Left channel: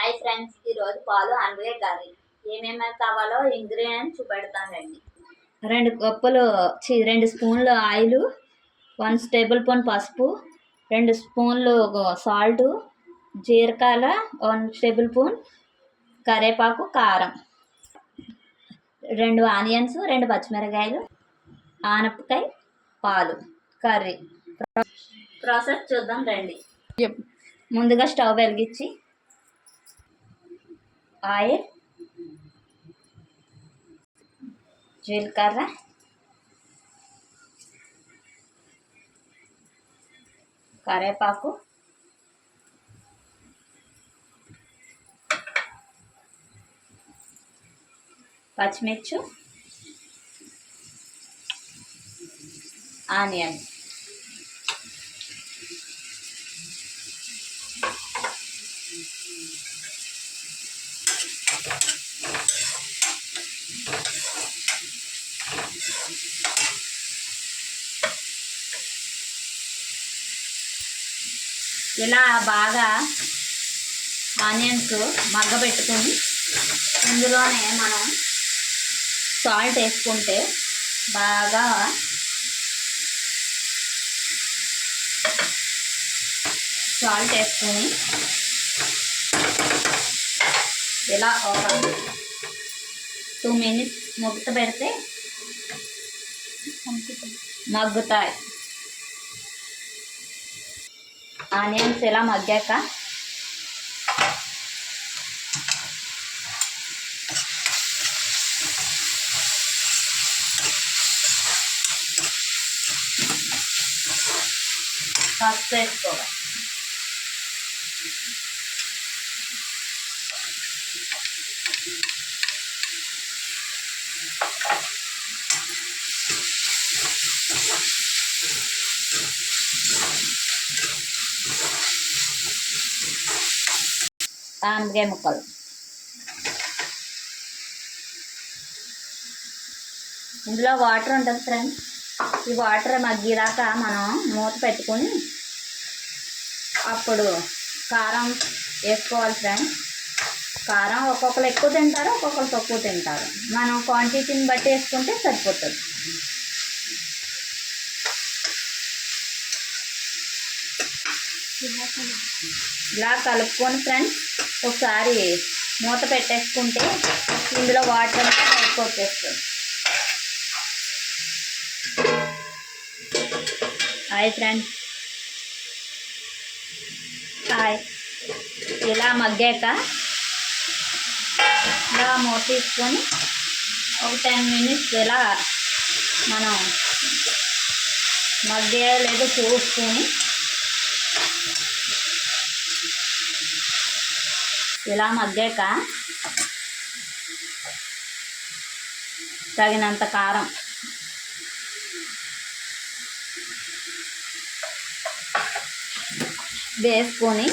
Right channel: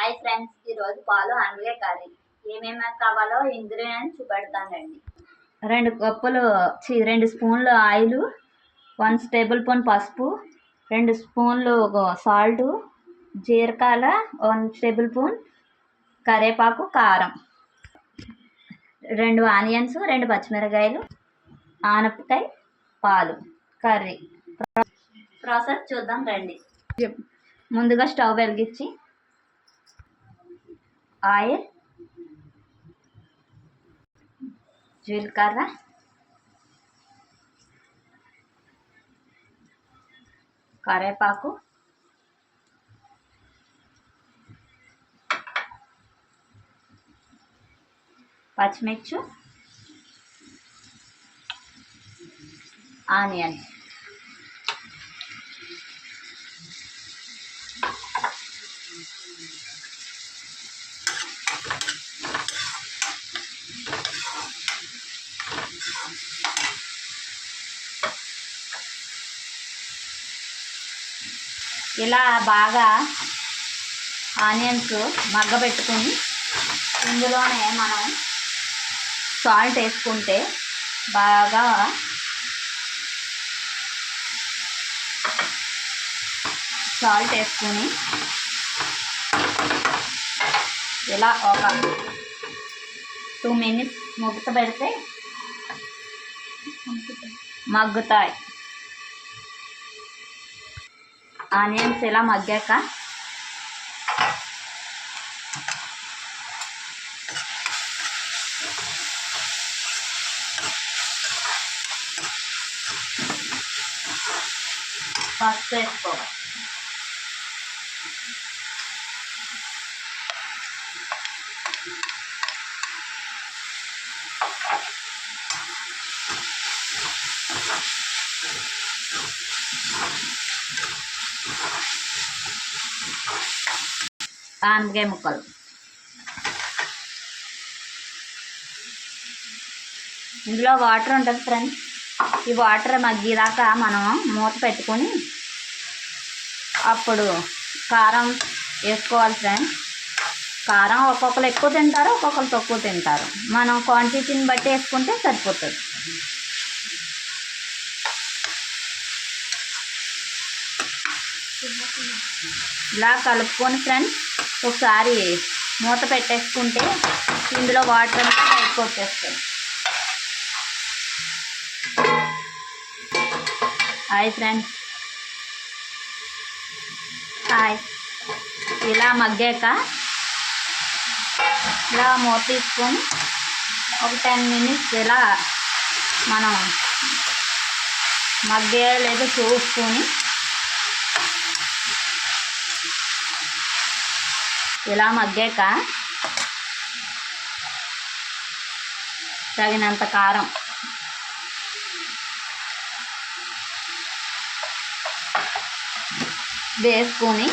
Hi friends, ఈరోజు పాలు అనపకాయ curry ఏమేమి కావాలో ఇంగ్రీడియంట్స్ చూపెడతానండి. 2 స్పూన్లు ఆయిల్, 1 టేబుల్ స్పూన్ పసుపు, 2 స్పూన్లు సాల్ట్, జీలకర్ర, 1 టేబుల్ స్పూన్ కరివేపాకు, కారం, 2 ఆనియన్స్, 2 పచ్చిమిరకాయలు, ఆనపకాయ, పాలు. కర్రీ ప్రాసెస్ చూద్దాం రండి. ముందుగా స్టవ్ వెలిగించి ఆయిల్, జీలకర్ర, కరివేపాకు, పచ్చిమిర్చి, ఆనియన్. ఇలా బాగా ఆనియన్స్ మగ్గబెట్టుకుని ఇందులోనే మనం సాల్ట్ వేసుకుంటే బాగా సాల్ట్ వేసుకుని ఇలా ఒక 2 మినిట్స్ మూత పెడితే మగ్గుతాయి. ఆనియన్స్ ఇలా మగ్గాక పసుపు వేసుకోవాలి. ఆనపకాయ ముక్కలు, ఇందులో వాటర్ ఉంటుంది ఫ్రెండ్స్. ఈ వాటర్ మగ్గేదాకా మనం మూత పెట్టుకొని అప్పుడు కారం వేసుకోవాలి ఫ్రెండ్స్. కారం ఒక్కొక్కరు ఎక్కువ తింటారు, ఒక్కొక్కరు తక్కువ తింటారు. మనం క్వాంటిటీని బట్టి వేసుకుంటే సరిపోతుంది. ఇలా కలుపుకొని ఫ్రెండ్స్ ఒకసారి మూత పెట్టేసుకుంటే ఇందులో వాటర్ అంతా బయటకు వచ్చేస్తాయి. Hi friends, hi. ఇలా మగ్గాక ఇలా మూత తీసుకొని ఒక 10 మినిట్స్ ఇలా మనం మగ్గాయో లేదో చూసుకొని ఇలా మగ్గాక తగినంత కారం, వేసుకొని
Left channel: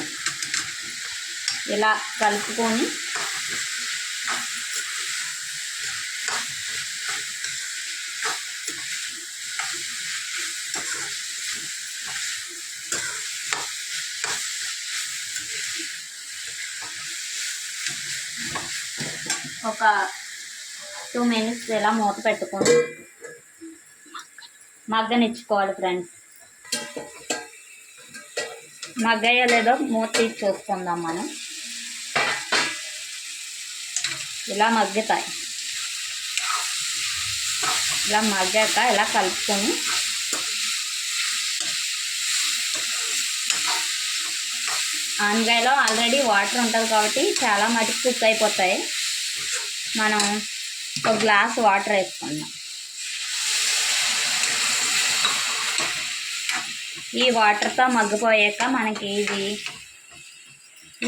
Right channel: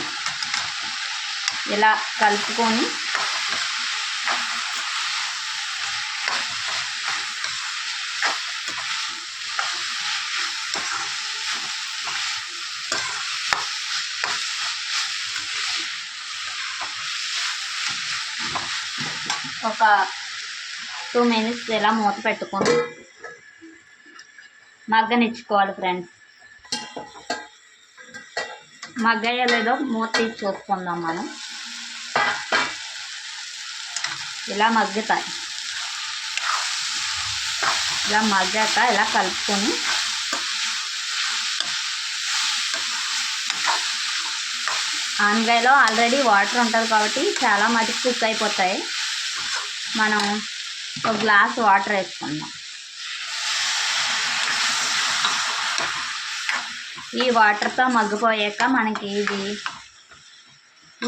ఇలా కలుపుకొని ఒక 2 మినిట్స్ ఇలా మూత పెట్టుకొని మగ్గనిచ్చుకోవాలి ఫ్రెండ్స్. మగ్గయ్యో లేదో మూత తీసి చూసుకుందాం మనం. ఇలా మగ్గుతాయి. ఇలా మగ్గాక ఇలా కలుపుకొని ఆనగాయలో ఆల్రెడీ వాటర్ ఉంటుంది కాబట్టి చాలా మటుకు కుక్ అయిపోతాయి. మనం ఒక గ్లాస్ వాటర్ వేసుకుందాం. ఈ వాటర్తో మగ్గిపోయాక మనకి ఇది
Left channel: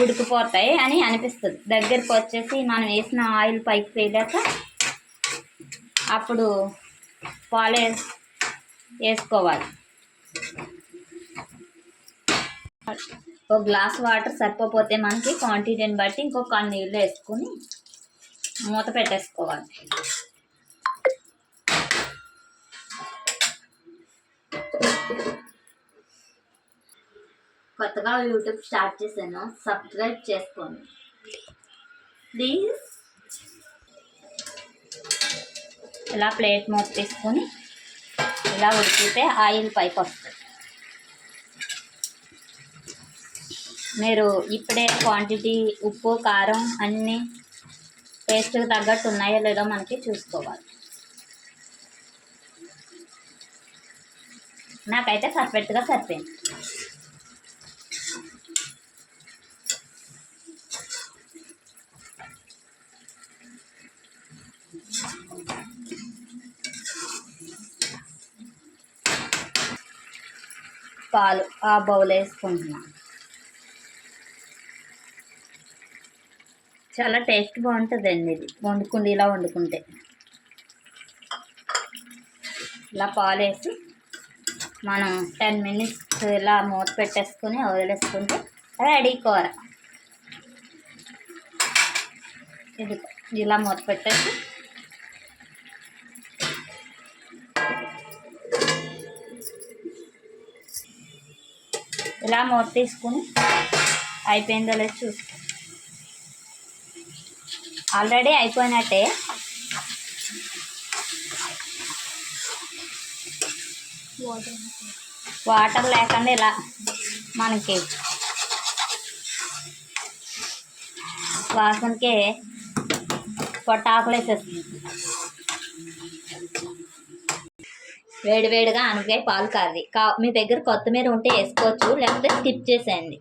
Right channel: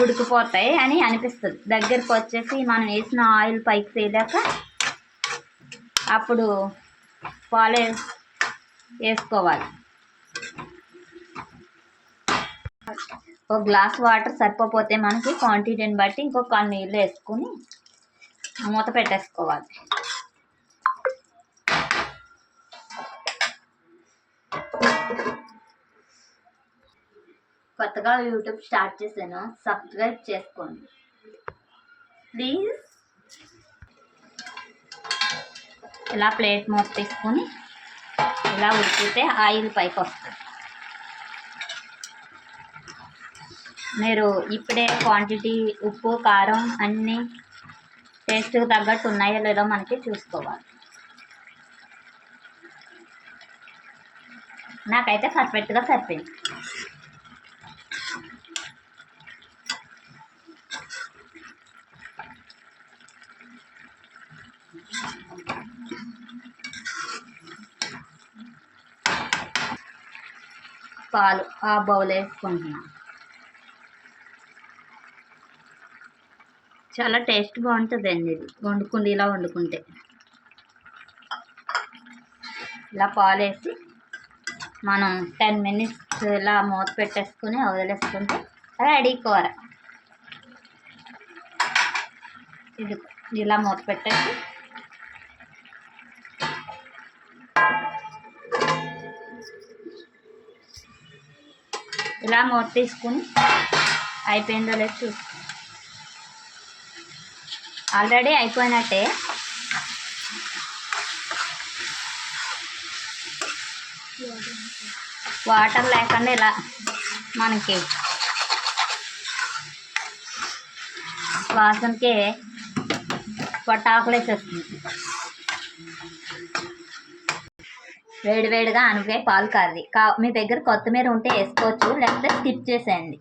ఉడికిపోతాయి అని అనిపిస్తుంది. దగ్గరికి వచ్చేసి మనం వేసిన ఆయిల్ పైకి తేలాక అప్పుడు పాలు వేసుకోవాలి. ఒక గ్లాస్ వాటర్ సరిపోతే మనకి క్వాంటిటీని బట్టి ఇంకొక నీళ్ళు వేసుకొని మూత పెట్టేసుకోవాలి. కొత్తగా యూట్యూబ్ స్టార్ట్ చేశాను, సబ్స్క్రైబ్ చేసుకోండి. ప్లీజ్. ఇలా ప్లేట్ మూత తీసుకొని ఇలా ఉడికితే ఆయిల్ పైకి వస్తుంది. మీరు ఇప్పుడే క్వాంటిటీ ఉప్పు కారం అన్నీ టేస్ట్కి తగ్గట్టు ఉన్నాయో లేదో మనకి చూసుకోవాలి. నాకైతే పర్ఫెక్ట్గా సరిపోయింది. పాలు ఆ బౌల్ వేసుకుంటున్నాను. చాలా టేస్ట్ బాగుంటుందండి ఇది ఇలా వండుకుంటే. ఇలా పాలు వేసి మనం 10 minutes ఇలా మూత పెట్టేసుకొని వదిలేసుకుంటే రెడీ కూర. ఇది ఇలా మూత పెట్టేసి ఇలా మూత తీసుకుని అయిపోయిందో లేదు చూసుకో. ఆల్రెడీ అయిపోయినట్టే. వాటర్ లేకుండా ఇలా మనకి వాసనకే పొట్టాకులు వేసేస్తుంది. వేడివేడిగా అనపే పాలు కర్రీ. మీ దగ్గర కొత్తిమీర ఉంటే వేసుకోవచ్చు, లేకపోతే స్కిప్ చేసేయండి.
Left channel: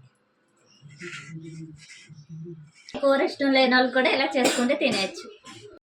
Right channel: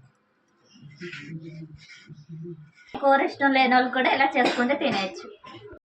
కూర ఇష్టం లేని వాళ్ళు కూడా ఇలా చేసుకుంటే తినేయచ్చు.